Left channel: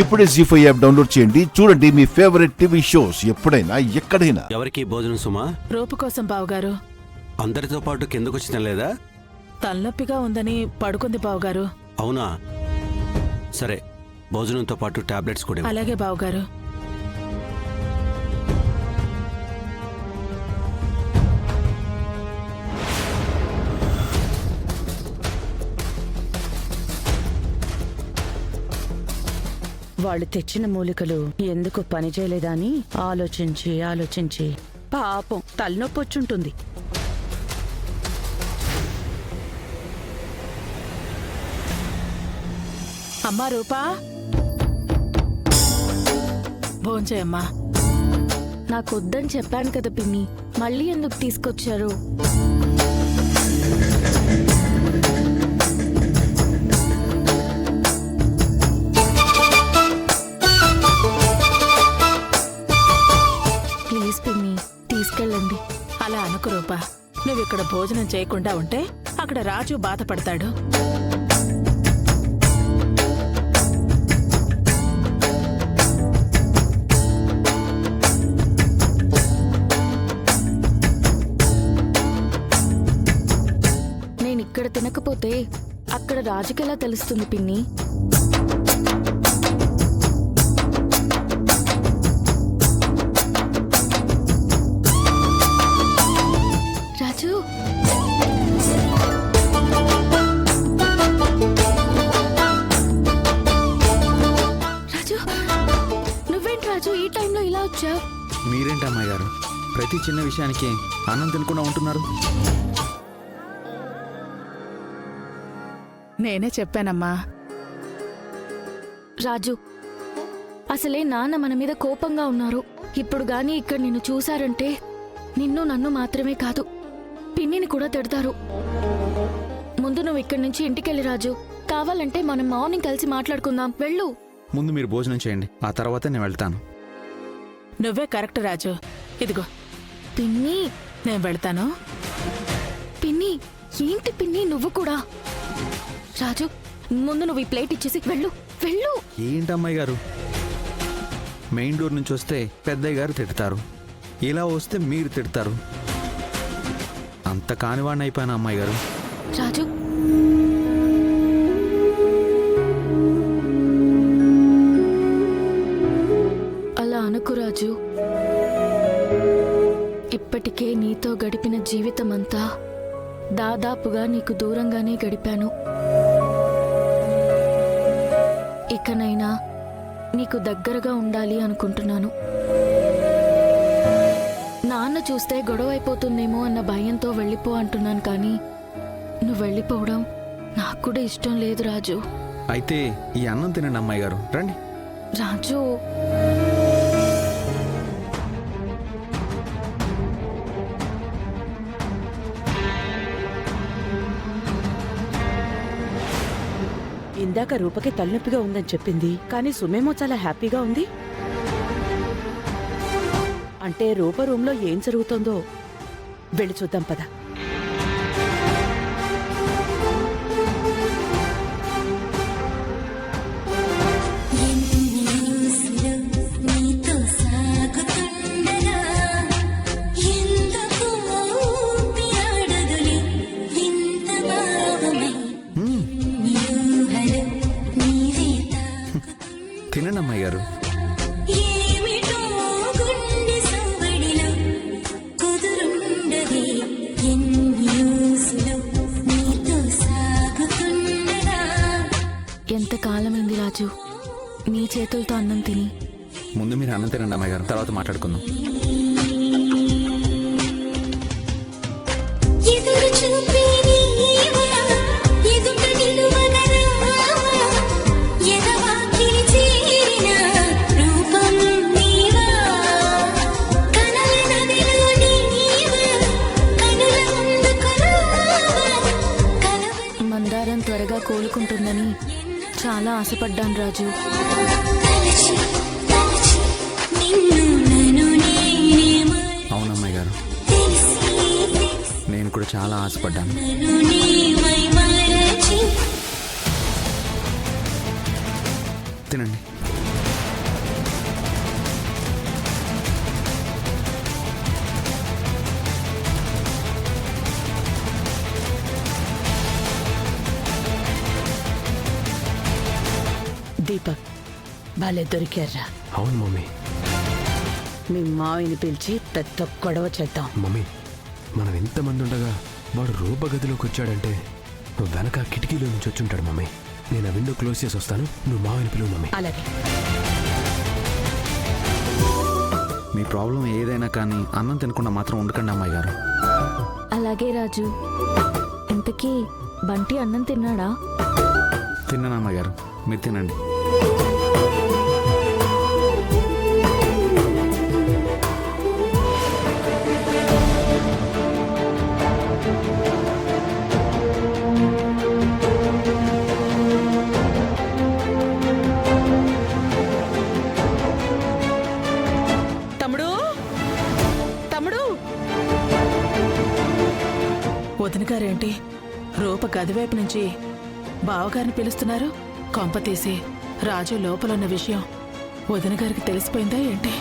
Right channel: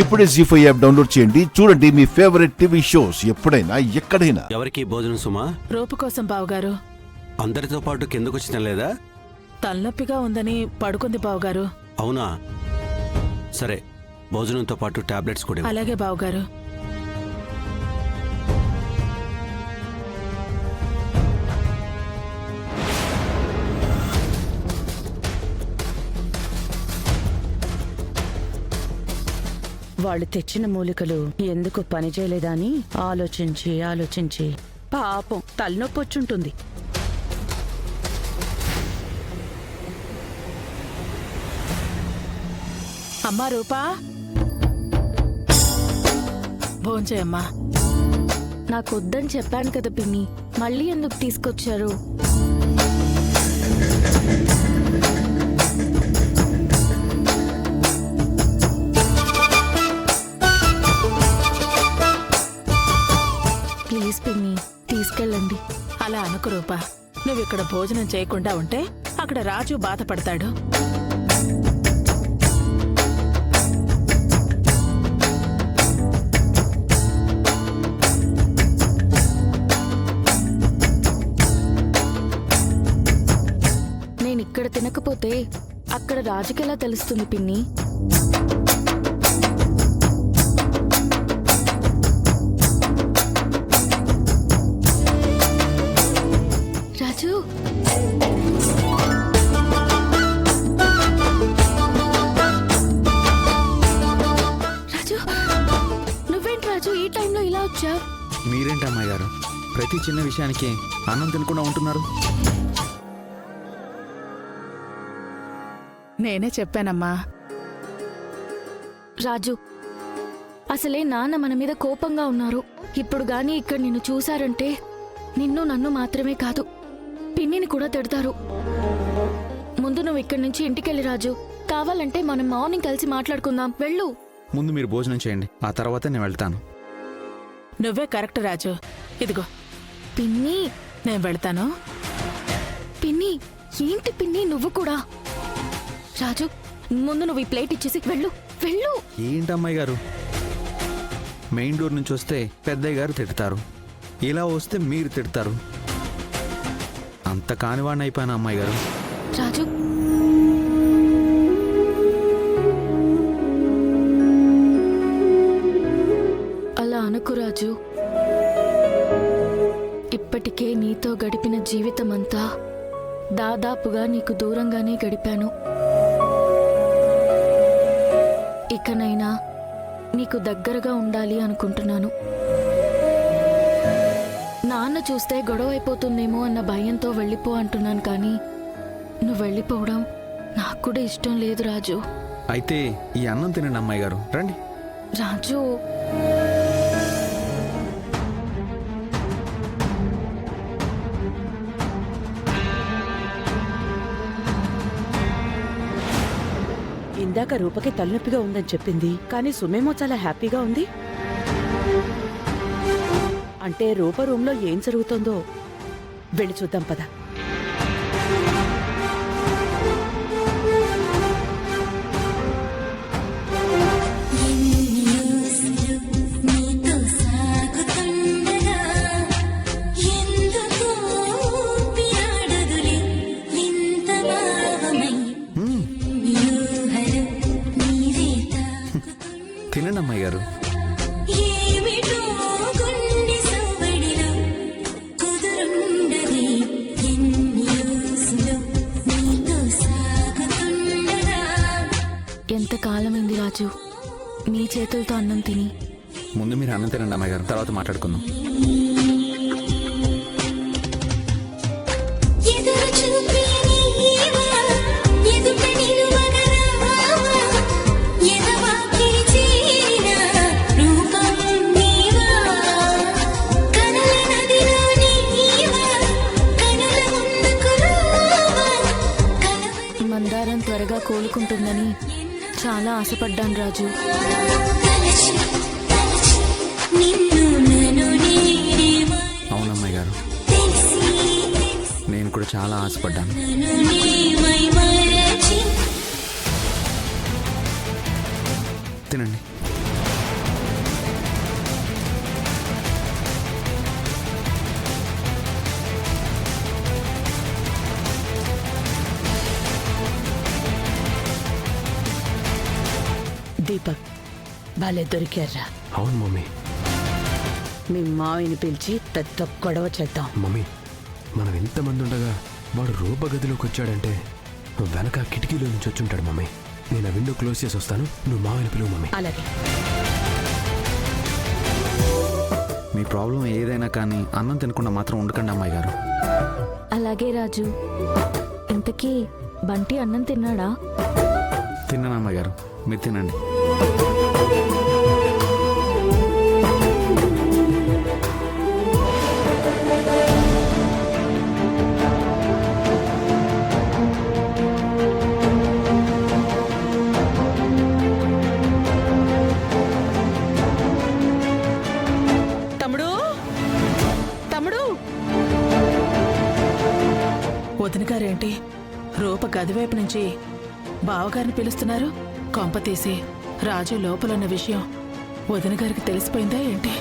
ఇప్పుడే జీ5 app download చేయండి. చూడండి మీ ఫేవరెట్ టీవీ షోస్ ఎప్పుడైనా ఎక్కడైనా. ఎవరికి భోజనం సుమా? రూపు కోసం బావగారు. అందరితో పాటు కిందకొచ్చి తినలేదా? తలనొప్పిగా ఉందని పడుకుంది బావగారు. అవునా, సరే భోజనంతో పాటు టాబ్లెట్స్ కూడా. అలాగే బావగారు. వాళ్ళు తెచ్చిన మూలికలు ఎందుకు పనిచేయలేదా అని ఆలోచించి ఆలోచించి పాపం తలనొప్పొచ్చుంటుంది. అమ్మా రూపా, భోంచేయమ్మా. నాకొద్దని చెప్పాను కదా పిన్ని, మళ్ళీ ఎందుకు తీసుకొచ్చారు? ప్లీజ్ పిన్ని, తీసుకెళ్ళండి. అలా అనుకు రూపా. నువ్విక్కడ భోజనం చేయకుండా ఉంటే అక్కడ రాజు బాధపడతాడు. ఇక్కడ తినకపోతే అక్కడ రాజుకెలా తెలుస్తుంది పిన్ని? రాజు, రాజు, నువ్వేంటి రాజు ఈ టైంలో ఇలా వచ్చావు? మీరేంటి అమ్మాయి గారు ప్రతి చిన్న విషయానికి అన్నం తినకుండా ఉంటున్నారు? నేనే చెప్పానమ్మా. రాజు, అసలే నాన్న మన మీద కోపంగా ఉన్నారు. ఇప్పుడు గాని ఇక్కడ నిన్ను చూశారంటే నిన్ను నన్ను మాత్రమే కాదు, పిన్నిని కూడా తిడతారు. ముందు నువ్వు ఇక్కడి నుంచి ఇంటికెళ్ళి రాజు. కావాలంటే మనం మార్నింగ్ కలిసి మాట్లాడుకుందాం. వెళ్ళు. ముందు మీరు భోజనం చేయండి, ఆ తర్వాత నేను వెళ్తాను. నువ్వే కరెక్ట్ రాజు. ఇదిగో పిన్ని. నేను వెళ్తాను. పిన్ని, ఏంటి పిన్ని నువ్వు కూడా? రాజు, ముందు నువ్వు ఈ ప్లేట్ ఇచ్చేసి వెళ్ళు. వెళ్ళు. ఏంటి అమ్మాయి గారు, మెయిన్ డోర్ నుంచి వస్తే పెద్దయ్య గారు తిడతారు, ఇలా వస్తే మీరు తిడతారు. అంత కానివాడిని అయిపోయాను అమ్మాయి గారు. రాజు, అలా అనుకు రాజు. ఇప్పటికే నీతో గడిపిన జీవితమంతా దాదాపుగా నీకు దూరంగానే గడిపాను. ఇకనైనా నీకు దగ్గరగా ఉండాలి అనుకుంటున్నాను. నాన్న చూస్తే గొడవ అయిపోతుందేమో అన్న భయంతో వెళ్ళిపో అంటున్నాను, కానీ నువ్వు వెళ్ళిపోవడం నాకు కూడా ఇష్టం లేదు రాజు. అయితే ఈ అన్నం తినండి అమ్మాయి గారు, రండి. రాజు, ఇందాక రూపకి తలనొప్పిగా ఉందని చెప్పింది, కానీ సుమేమో చాలా హ్యాపీగా ఉంది. అంటే రూప రూంలో ఏం జరుగుతుందో వెళ్ళి చూద్దాం పద. తినండి అమ్మాయి గారు. ఎంత కాలమైంది రాజు నీ చేతులతో అన్నం తిని. ముందు మీరు అన్నం తినండి అమ్మాయి గారు, తర్వాత మాట్లాడుకుందాం. మందారం త్వరగా కోలుకుంటుందని చాలా ఆశపడ్డాను రాజు. అవునమ్మాయి గారు, నేను కూడా చాలా ఆశపడ్డాను. తినండి. దీపక్ బాలే దొరికారా. అవును మమ్మీ. మీ మావిని పిలిచి పెద్ద గొడవ చేద్దాం. మమ్మీ, మనం ఎంతమంది ఉండగా వాడు రూప గదిలోకి వచ్చాడంటే వెనక కిటికీలో నుంచి వచ్చుంటాడు మమ్మీ. నేను ఆ విండో క్లోజ్ చేసి వస్తాను, నువ్వు మావిని పిలువు మమ్మీ. అలాగే. మీ ప్రాబ్లం ఏదైనా కానీ అన్నం తినకుండా మాత్రం ఉండకండి అమ్మాయి గారు. అలాగే రాజు. ఇంతకీ బంటి అన్నం తిన్నాడా? తిన్నాను అమ్మాయి గారు, మీరు తినండి. తమ్ముడు, తమ్ముడు. వదిన గారేంటి రూప గదివైపు నుంచి బావగారిని పిలుస్తున్నారు? కొంప తీసి రాజు లోపలున్న విషయం వదిన గారికి తెలిసిపోయిందా ఏంటి?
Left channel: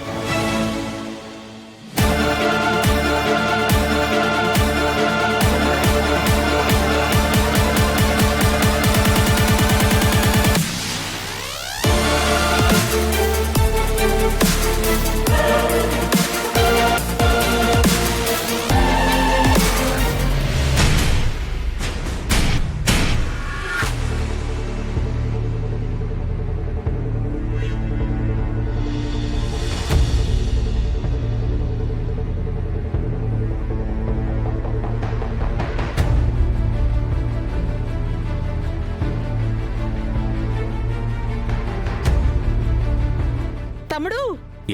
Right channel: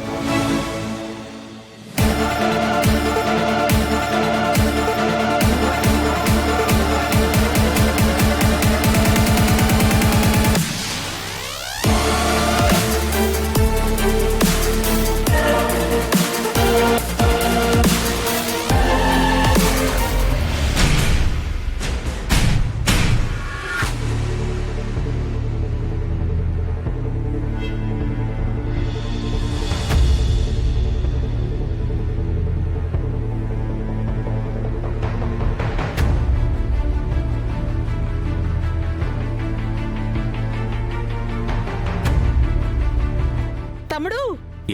తమ్ముడు,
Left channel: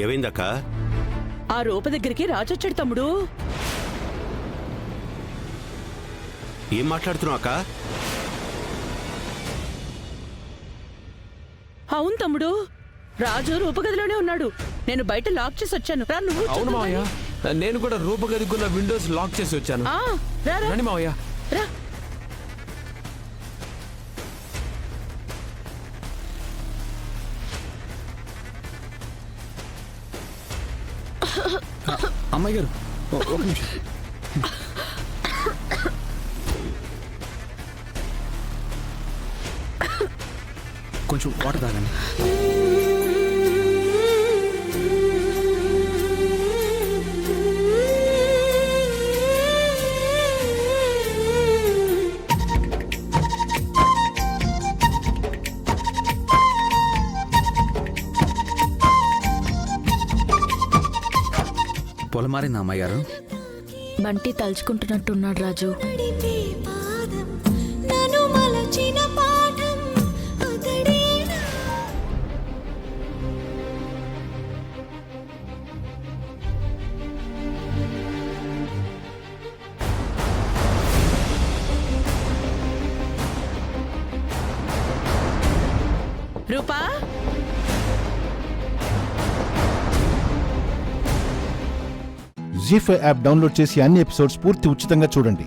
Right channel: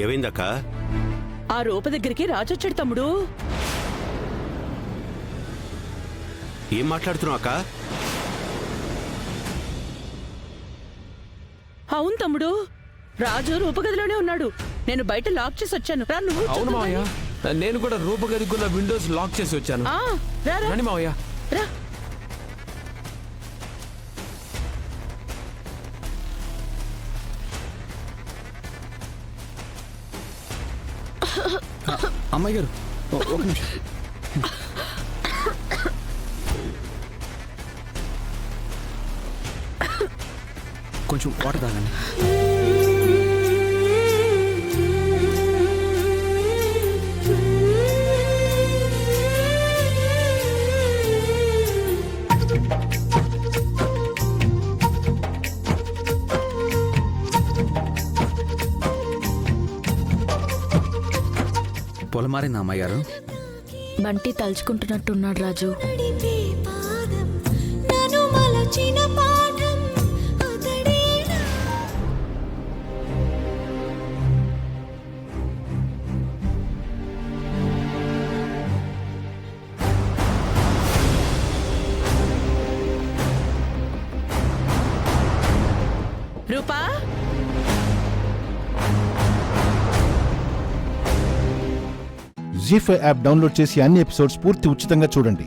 ఏమైందక్క? ఆ రూప దగ్గరికి రాజొచ్చాడు తమ్ముడు. ఏం మాట్లాడుతున్నావు అక్క? అవును తమ్ముడు, రాజు రూపగదిలోనే ఉన్నాడు. నేను బయట లాక్ చేసి వచ్చాను. రా నువ్వు. అవును మావయ్య, నేను కూడా రూప గదికున్న విండోస్ లాక్ చేసి వచ్చాను. ఆ, రా రా. రండి మావయ్య. రా. అమ్మాయి గారు ఒక నిమిషం. కొంచెం వాటర్ తాగండి. పొలమారిందా అమ్మాయి గారు? బంటి తలుచుకుంటున్నట్టున్నాడు రాజు. రూపా, జీ5 యాప్ డౌన్లోడ్ చేసి అన్ని ఎపిసోడ్స్ పూర్తి ఉచితంగా చూడండి.